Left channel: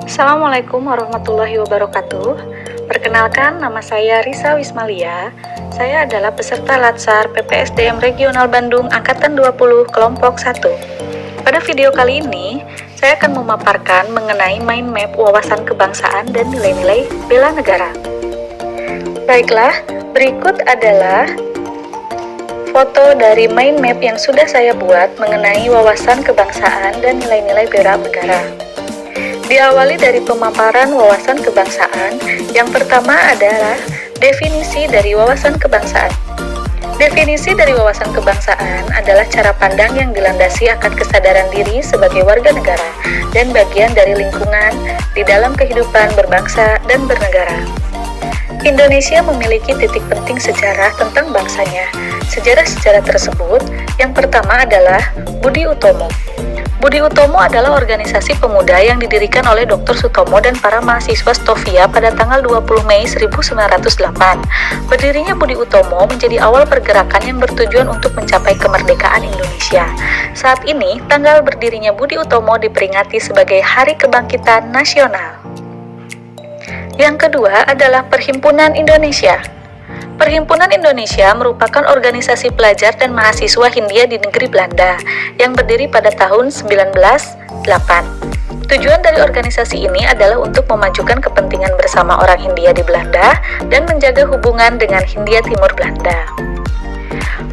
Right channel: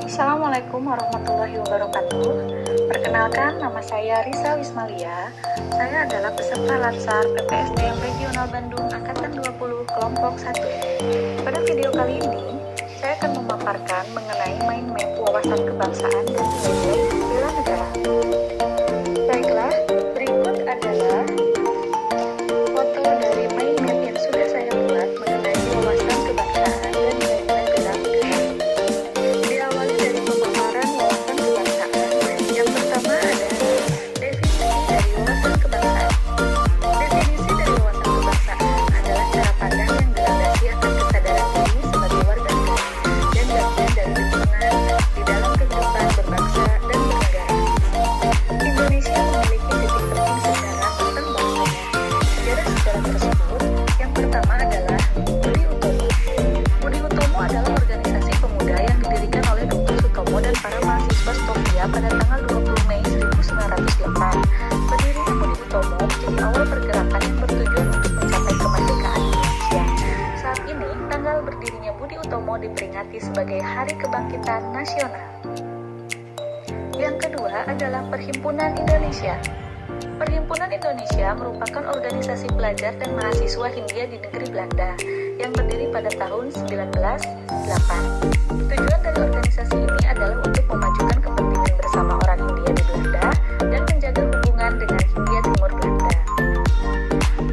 Assalamualaikum warahmatullahi wabarakatuh. Perkenalkan, nama saya Risa Wismalia. Saya adalah peserta Latsar PPSDM Regional Bandung Angkatan 20 Kelompok 1. Pada video kali ini, saya akan memaparkan mengenai mind map wawasan kebangsaan dan nilai-nilai bela negara. Baiklah, berikut adalah foto dari mind map yang sudah saya buat mengenai wawasan kebangsaan dan nilai-nilai bela negara. Diawali dari pemaparan wawasan kebangsaan, yang pertama adalah definisi dari wawasan kebangsaan. Definisi dari wawasan kebangsaan adalah cara pandang yang dilandasi akan kesadaran diri sebagai warga negara dan bagian dari lingkungan di dalam kehidupan berbangsa dan bernegara. Indonesia memiliki titik penting sejarah tentang bangsanya. Sejarah-sejarah tersebut, yang pertama adalah Budi Utomo. Budi Utomo adalah organisasi pemuda yang didirikan oleh Dr. Sutomo dan para mahasiswa Stovia pada tanggal 20 Mei 1908. Berdirinya Budi Utomo menjadi awal pergerakan yang bertujuan untuk mencapai kemerdekaan Indonesia. Saat ini, tanggal berdirinya Budi Utomo diperingati sebagai Hari Kebangkitan Nasional. Yang kedua adalah Perhimpunan Indonesia. Perhimpunan Indonesia merupakan organisasi pelajar dan mahasiswa Hindia di negeri Belanda yang berdiri pada tahun 1908. Tujuan dari organisasi ini adalah untuk memajukan kepentingan bersama orang Hindia di Belanda dan menjaga hubungan dengan Hindia Timur Belanda.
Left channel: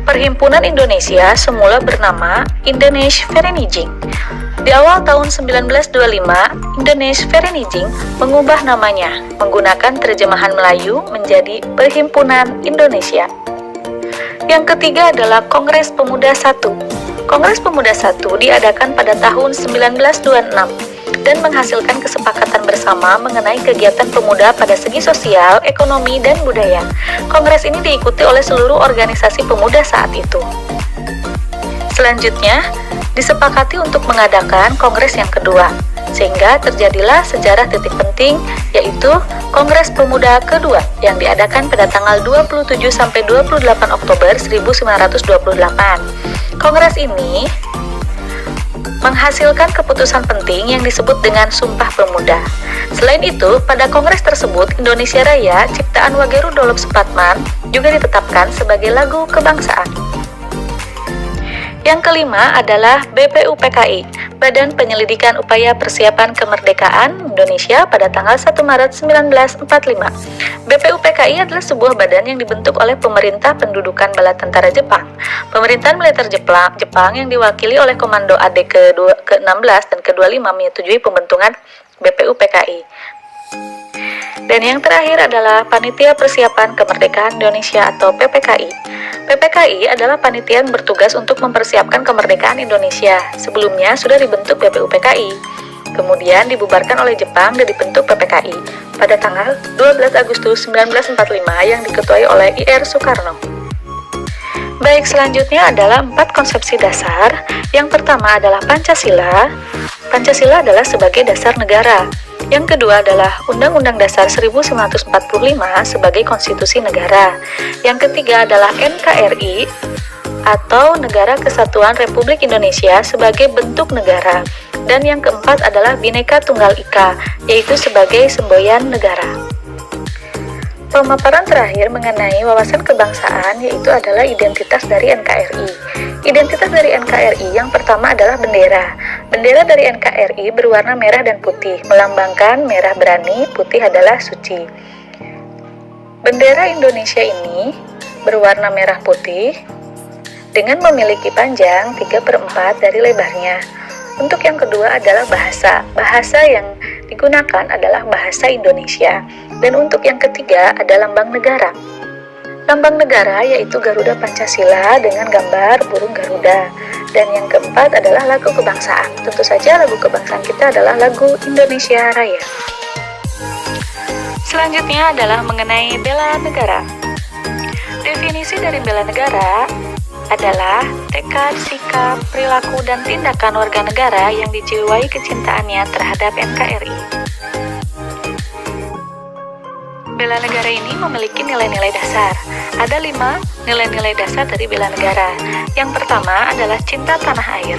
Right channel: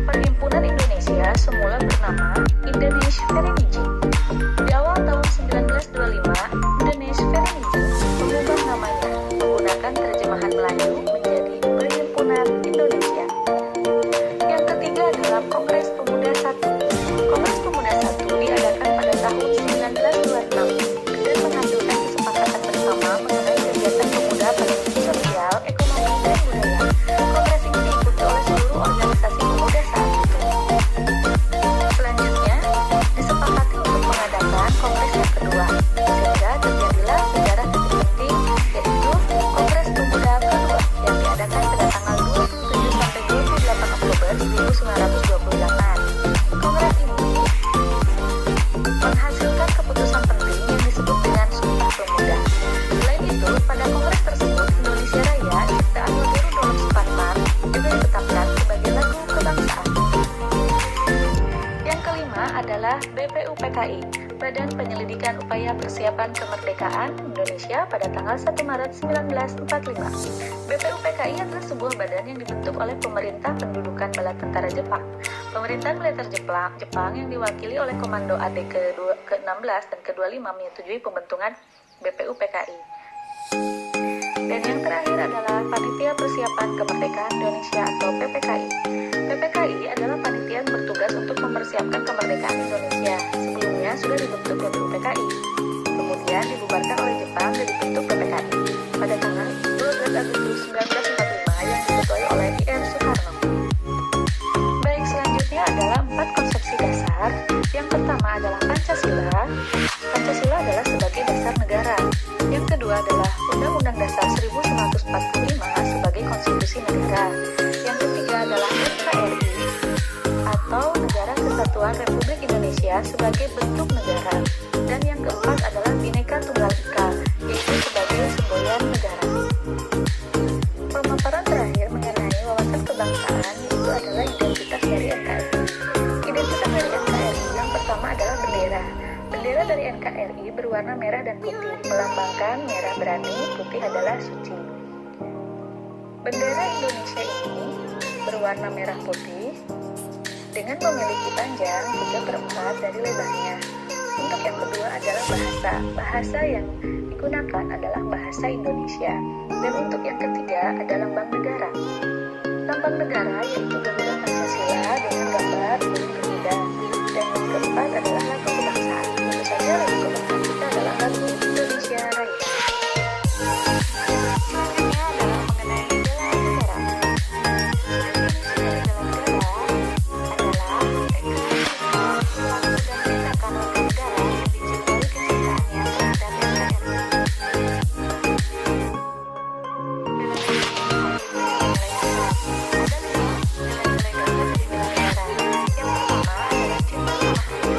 Perhimpunan Indonesia semula bernama Indonesisch Vereniging. Di awal tahun 1925, Indonesisch Vereniging mengubah namanya menggunakan terjemahan Melayu menjadi Perhimpunan Indonesia. Yang ketiga adalah Kongres Pemuda I. Kongres Pemuda I diadakan pada tahun 1926 dan menghasilkan kesepakatan bersama mengenai kegiatan pemuda pada segi sosial, ekonomi, dan budaya. Kongres ini diikuti oleh seluruh organisasi pemuda saat itu. Selanjutnya, disepakati untuk mengadakan kongres yang kedua, sehingga terjadilah sejarah titik penting, yaitu Kongres Pemuda kedua yang diadakan pada tanggal 27-28 Oktober 1928. Kongres ini menghasilkan keputusan penting yang disebut dengan Sumpah Pemuda. Selain itu, pada kongres tersebut, Indonesia Raya ciptaan Wageru Dolop Supatman juga ditetapkan sebagai lagu kebangsaan. Yang kelima adalah BPUPKI, Badan Penyelidikan Upaya Persiapan Kemerdekaan Indonesia pada tanggal 1 Maret 1945. BPUPKI adalah sebuah badan yang dibentuk oleh Pemerintah Pendudukan Bala Tentara Jepang. Pemerintahan militer Jepang yang diwakili oleh Komando AD ke-16 dan ke-25 menyetujui pembentukan BPUPKI. Dan yang terakhir adalah Panitia Persiapan Kemerdekaan Indonesia atau PPKI. PPKI adalah panitia yang bertugas untuk mempersiapkan kemerdekaan Indonesia. Sebelumnya sudah dibentuk BPUPKI. Kemudian dibubarkan oleh Jepang dan dibentuk PPKI pada tanggal 12 Agustus 1945 yang diketuai oleh I.R. Soekarno. Baik, selanjutnya adalah 4 konsepsi dasar. Yang pertama adalah Pancasila. Pancasila adalah sebagai dasar negara. Yang kedua adalah Undang-Undang Dasar 1945 sebagai konstitusi negara. Yang ketiga adalah NKRI atau Negara Kesatuan Republik Indonesia sebagai bentuk negara. Dan yang keempat adalah Bhinneka Tunggal Ika, yaitu sebagai semboyan negara. Pemaparan terakhir mengenai wawasan kebangsaan yaitu adalah identitas dari NKRI. Identitas dari NKRI yang pertama adalah bendera. Bendera dari NKRI berwarna merah dan putih, melambangkan merah berani, putih adalah suci. Bendera Indonesia ini berwarna merah putih dengan memiliki panjang 3/4 dari lebarnya. Untuk yang kedua adalah bahasa. Bahasa yang digunakan adalah bahasa Indonesia. Dan untuk yang ketiga ada lambang negara. Lambang negara yaitu Garuda Pancasila dengan gambar burung Garuda. Dan yang keempat adalah lagu kebangsaan. Tentu saja lagu kebangsaan kita adalah lagu Indonesia Raya. Selanjutnya adalah mengenai bela negara. Definisi dari bela negara adalah tekad, sikap, perilaku, dan tindakan warga negara yang dijiwai kecintaannya terhadap NKRI. Bela negara ini memiliki nilai-nilai dasar. Ada 5 nilai-nilai dasar dari bela negara. Yang pertama adalah cinta tanah air.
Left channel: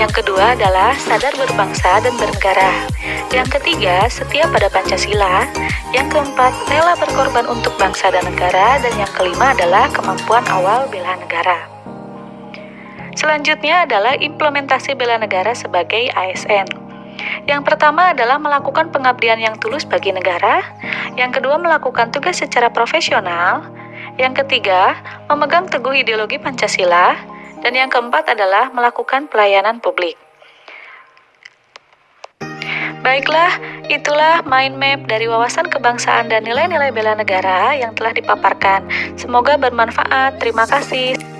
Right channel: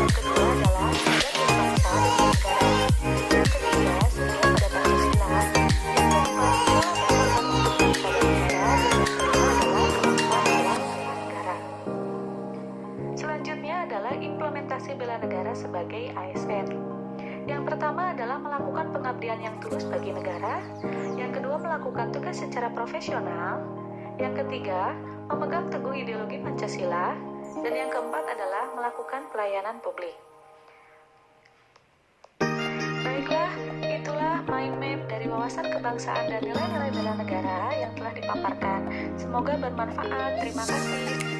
Yang kedua adalah sadar berbangsa dan bernegara. Yang ketiga, setia pada Pancasila. Yang keempat, rela berkorban untuk bangsa dan negara. Dan yang kelima adalah kemampuan awal bela negara. Selanjutnya adalah implementasi bela negara sebagai ASN. Yang pertama adalah melakukan pengabdian yang tulus bagi negara. Yang kedua, melakukan tugas secara profesional. Yang ketiga, memegang teguh ideologi Pancasila. Dan yang keempat adalah melakukan pelayanan publik. Baiklah, itulah mind map dari wawasan kebangsaan dan nilai-nilai bela negara yang telah dipaparkan. Semoga bermanfaat. Terima kasih.